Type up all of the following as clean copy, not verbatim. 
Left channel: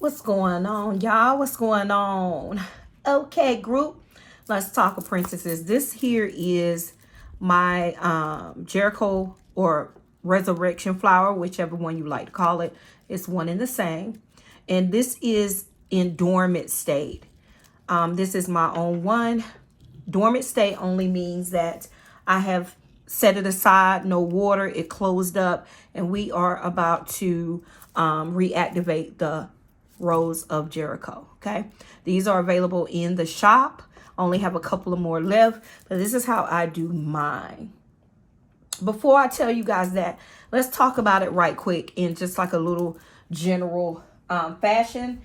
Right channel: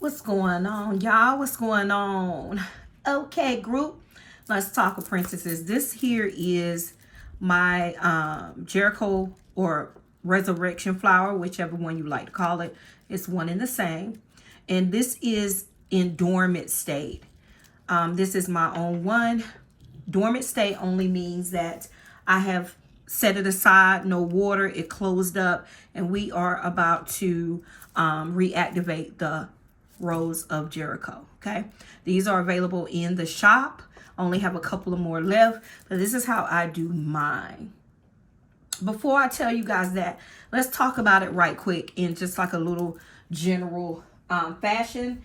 What's going on, y'all? What's going on? Okay, group. Let's talk of princesses. This here is my Jericho or resurrection flower, whichever one you like to call it. It's one and the same. And this is in dormant state. This is my own one. Dormant state only means that I have set it aside, no water, it closed up, and we are about to reactivate the Rose of Jericho. Okay, these are available in the shop. Only have a couple of more left, but this is how I do mine. Before I tell you guys that, let's talk about it right quick in just like a little general fashion.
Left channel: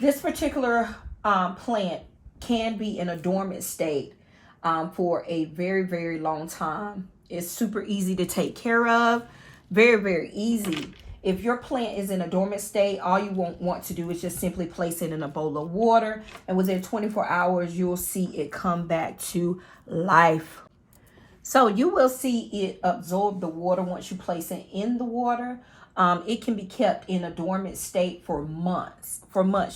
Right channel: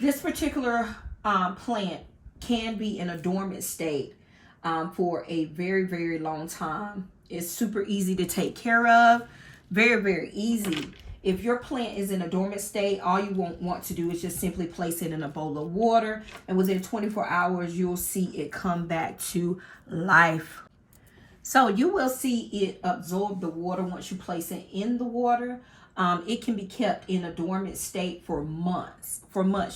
This particular plant can be in a dormant state for a very, very long time. It's super easy to take care of. Very, very easy. If your plant is in a dormant state, all you want to do is just simply place it in a bowl of water. And within 24 hours, you'll see it come back to life. So you will see it absorb the water once you place it in the water. It can be kept in a dormant state for months,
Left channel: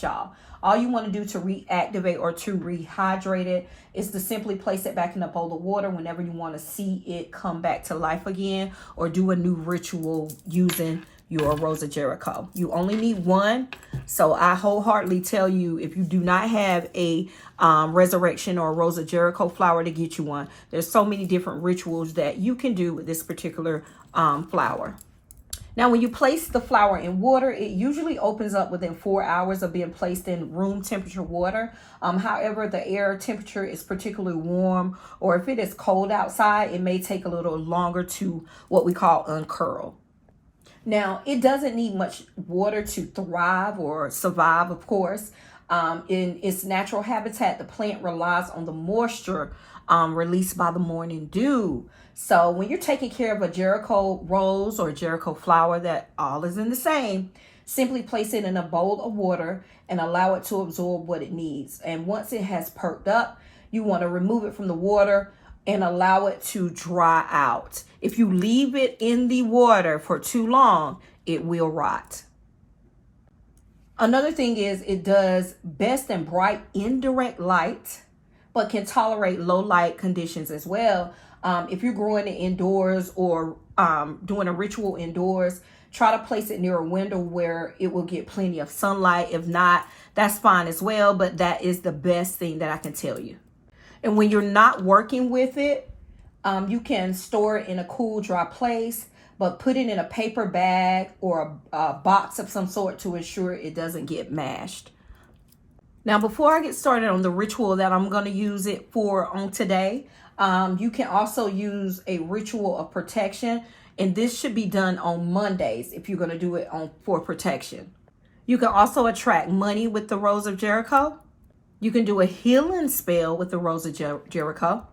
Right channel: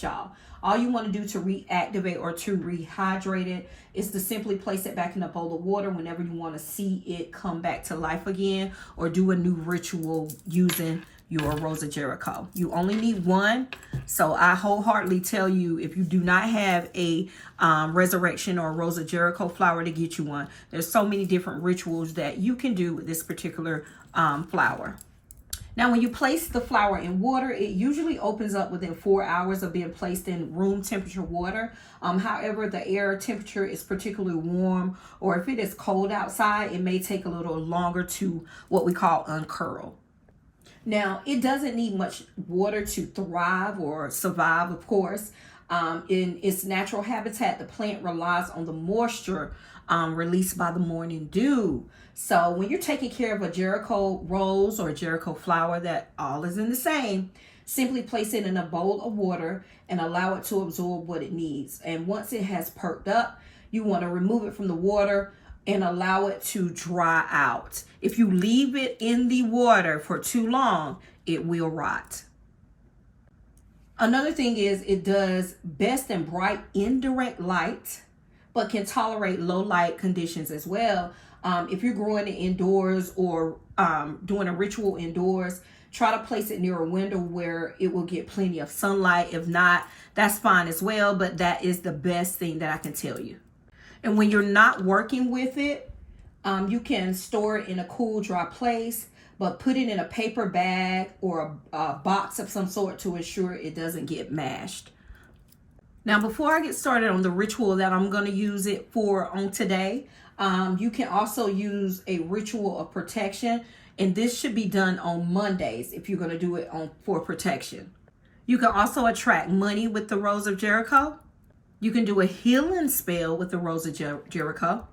y'all. All you want to do to reactivate or to rehydrate it is to simply place it back in a bowl of water whenever you want to see it come back to life again, or do a new ritual using your Rose of Jericho. You only need one. So I wholeheartedly tell you, if you do not have a resurrection or Rose of Jericho flower, to get you one. There's so many different rituals that you can do with this particular flower. Now, when you place the flower in water, it usually opens up within 4 hours of being placed in room temperature water. However, the air temperature is particularly warm, or if it is cold outside, it may take a little longer to what we call uncurl. Now, it doesn't need much water to thrive or survive, of course. In its natural habitat, the plant relies on the moisture released by the morning dew. So when you're taking care of a Jericho rose or Jericho flower, that all is in the same, simply place it in a bowl of water and allow it to absorb what it needs. And once it has perked up, you want to remove it from the water and allow it to dry out. If you leave it in the water for too long, it will rot. Another thing is, it does best in bright indirect light, but can tolerate low light conditions as well. If you're growing it indoors or doing a ritual indoors, try to place it near a window where it will get plenty of sunlight. If not, that's fine as well, but that is the best thing that I can tell you. And when you're not working with it, you can store it in a cool, dry place, but put it in a paper bag or a box of some sort to ensure it doesn't get mashed. Now, before I get started on the ritual that I'm going to use it for on today, you can also use a ritual of protection, and this should be done on Mondays if you're going to do it for protection. You can also attract money with the Rose of Jericho. You can do a healing spell with the Rose of Jericho.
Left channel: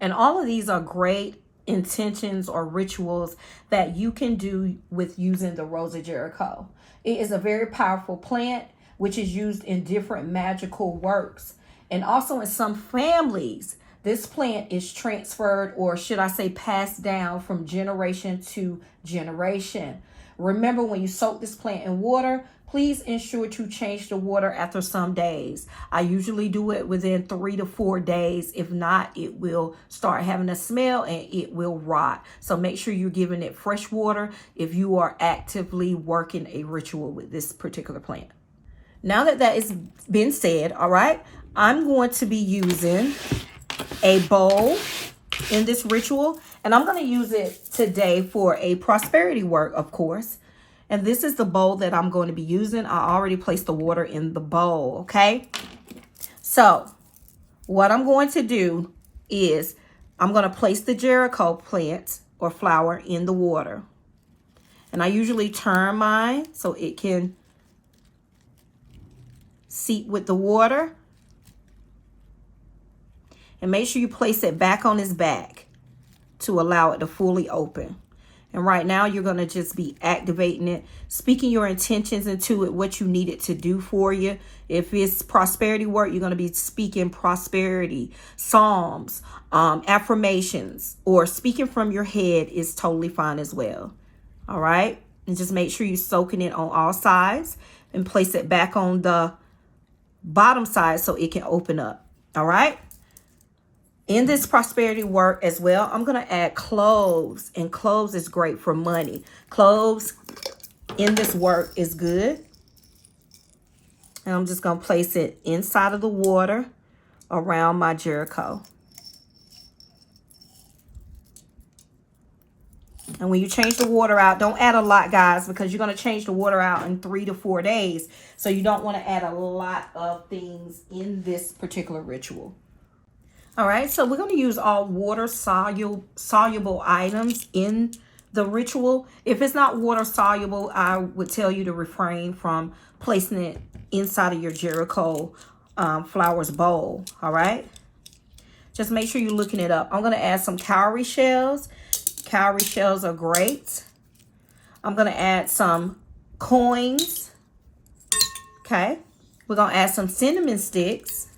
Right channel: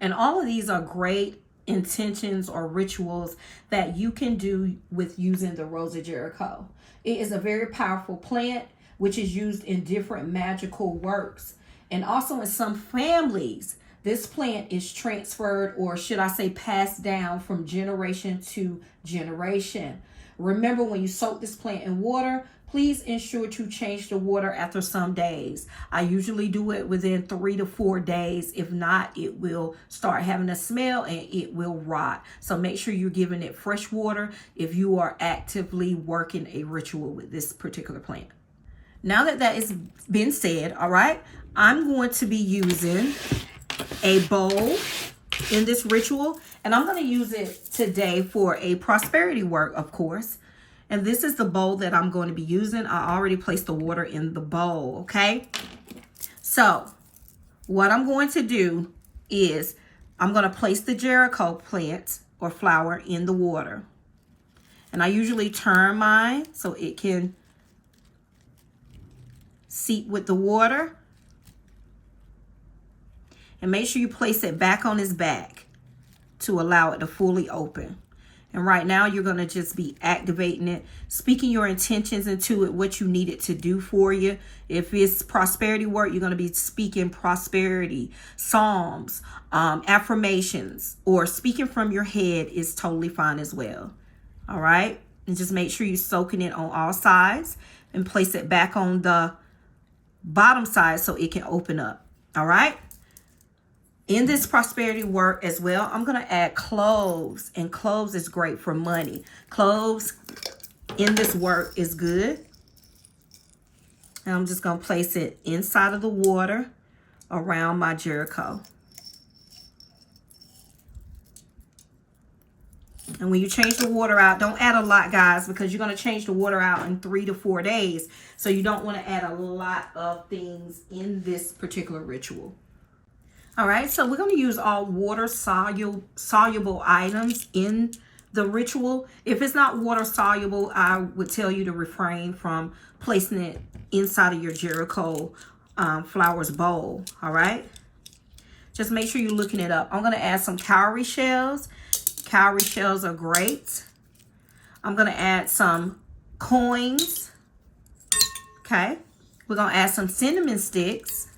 And all of these are great intentions or rituals that you can do with using the Rose of Jericho. It is a very powerful plant, which is used in different magical works. And also in some families, this plant is transferred, or should I say passed down from generation to generation. Remember, when you soak this plant in water, please ensure to change the water after some days. I usually do it within 3 to 4 days. If not, it will start having a smell and it will rot. So make sure you're giving it fresh water if you are actively working a ritual with this particular plant. Now that has been said, all right, I'm going to be using a bowl in this ritual, and I'm going to use it today for a prosperity work, of course. And this is the bowl that I'm going to be using. I already placed the water in the bowl, okay? So what I'm going to do is I'm going to place the Jericho plant or flower in the water. And I usually turn mine so it can seep with the water. And make sure you place it back on its back to allow it to fully open. And right now, you're going to just be activating it, speaking your intentions into it, what you need it to do for you. If it's prosperity work, you're going to be speaking prosperity, psalms, affirmations, or speaking from your head is totally fine as well. All right. And just make sure you're soaking it on all sides. and place it back on the bottom side so it can open up. All right. In this prosperity work as well, I'm going to add cloves, and cloves is great for money. Cloves in this work is good. And I'm just going to place it inside of the water around my Jericho. And when you change the water out, don't add a lot, guys, because you're going to change the water out in 3 to 4 days. So you don't want to add a lot of things in this particular ritual. All right, so we're going to use all water soluble items in the ritual. If it's not water soluble, I would tell you to refrain from placing it inside of your Jericho flowers bowl. All right, just make sure you're looking it up. I'm going to add some cowrie shells. Cowrie shells are great. I'm going to add some coins. Okay, we're going to add some cinnamon sticks.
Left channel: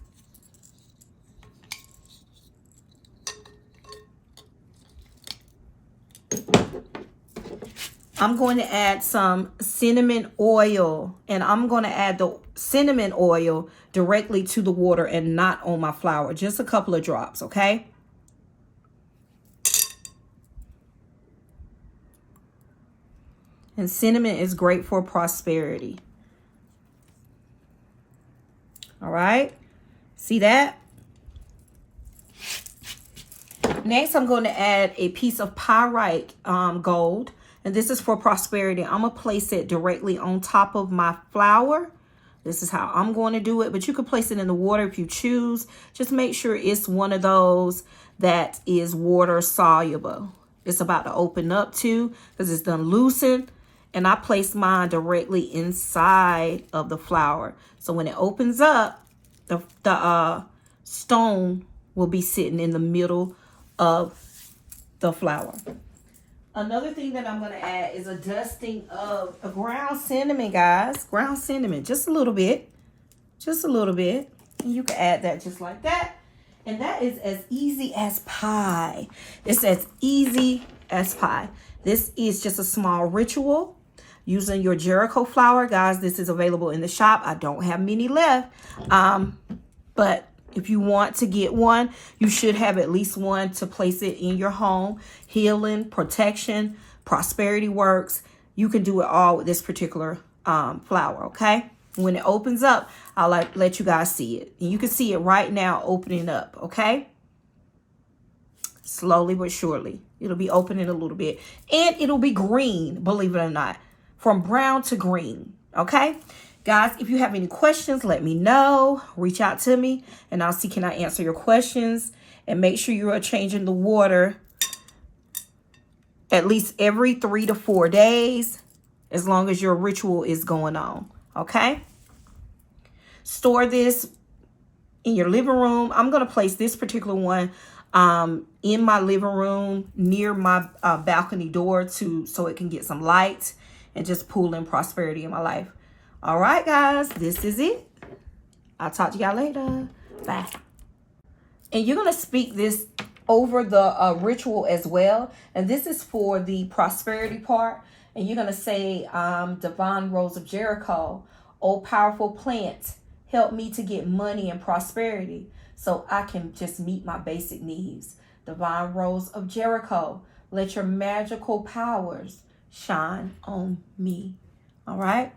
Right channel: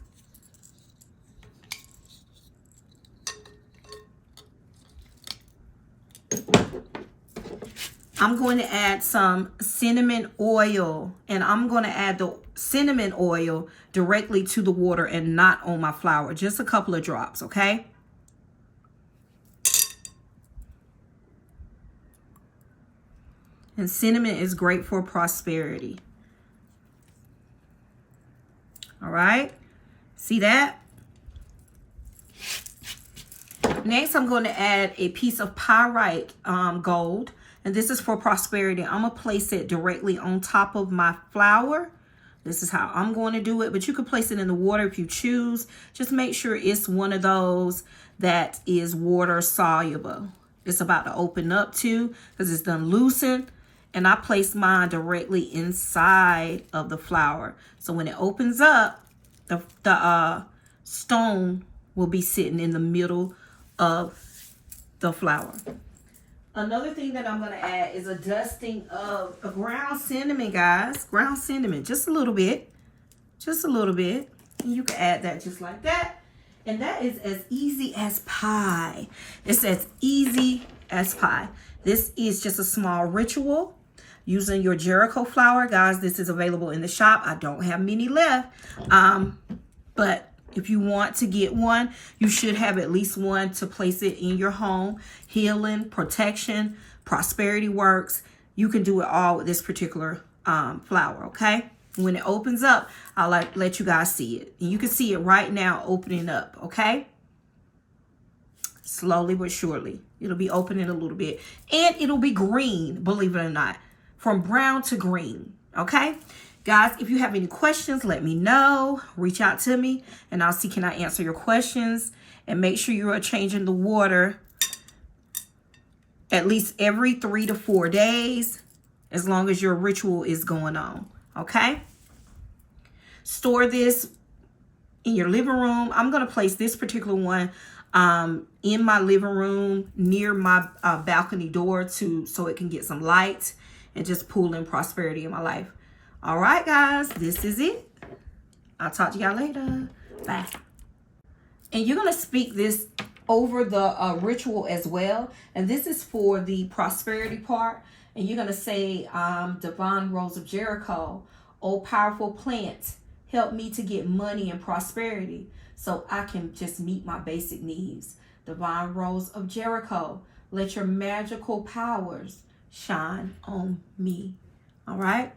I'm going to add some cinnamon oil, and I'm going to add the cinnamon oil directly to the water and not on my flower. Just a couple of drops, okay? And cinnamon is great for prosperity. All right. See that? Next, I'm going to add a piece of pyrite gold. And this is for prosperity. I'm going to place it directly on top of my flower. This is how I'm going to do it. But you can place it in the water if you choose. Just make sure it's one of those that is water soluble. It's about to open up too because it's done loosened. And I place mine directly inside of the flower. So when it opens up, the stone will be sitting in the middle of the flower. Another thing that I'm going to add is a dusting of a ground cinnamon, guys. Ground cinnamon, just a little bit. Just a little bit. And you can add that just like that. And that is as easy as pie. It's as easy as pie. This is just a small ritual using your Jericho flower. Guys, this is available in the shop. I don't have many left. But if you want to get one, you should have at least one to place it in your home. Healing, protection, prosperity works. You can do it all with this particular flower, okay? When it opens up, I'll let you guys see it. And you can see it right now opening up, okay? Slowly but surely. It'll be opening a little bit. And it'll be green, believe it or not. From brown to green, okay? Guys, if you have any questions, let me know. Reach out to me, and I'll see can I answer your questions. And make sure you are changing the water at least every 3 to 4 days, as long as your ritual is going on, okay? Store this in your living room. I'm going to place this particular one in my living room near my balcony door so it can get some light and just pull in prosperity in my life. All right, guys, this is it. I'll talk to y'all later. Bye. And you're going to speak this over the ritual as well. And this is for the prosperity part. And you're going to say, Divine Rose of Jericho, oh powerful plant, help me to get money and prosperity so I can just meet my basic needs. Divine Rose of Jericho, let your magical powers shine on me. All right.